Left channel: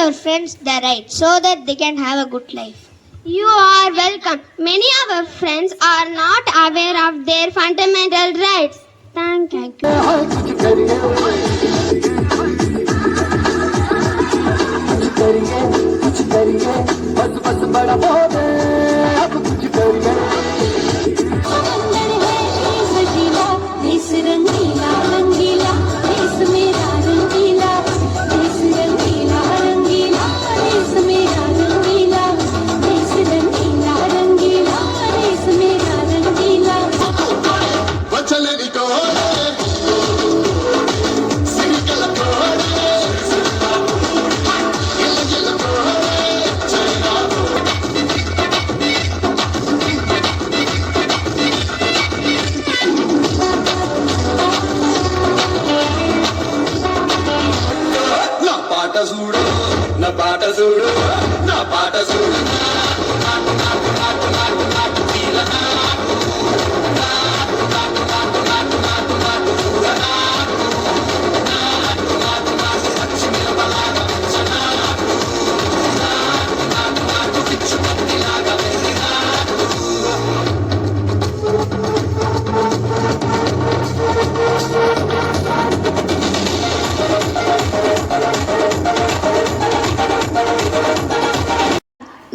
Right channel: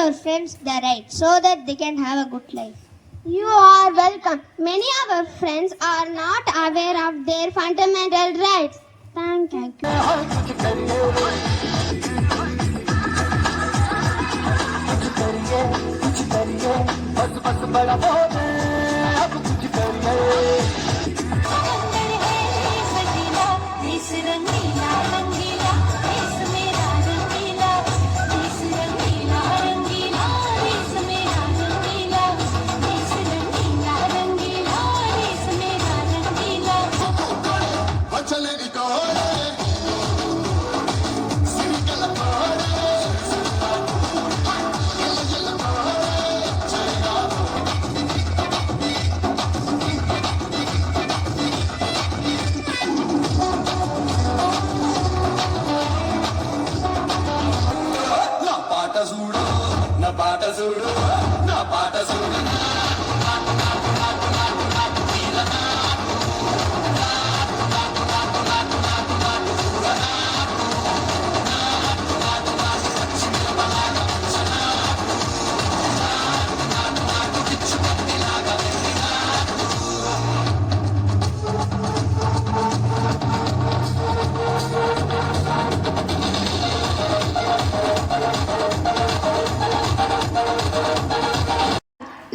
your friends the right so that they can have a good life. You are welcome. Many of our friends are not aware of their fundamental rights. Thank you.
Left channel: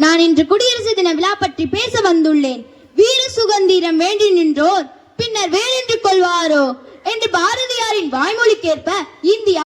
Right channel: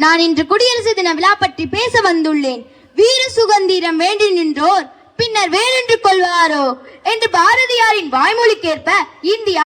நான் இன்று குடியரசு தின விழா பற்றி பேச வந்துள்ளேன். வீர சுதந்திரம் வேண்டி நின்றோர் பின்னர் வேறென்று கொள்வாரோ என்று பாரதியாரின் வாய்மொழிக்கேற்ப இந்தியா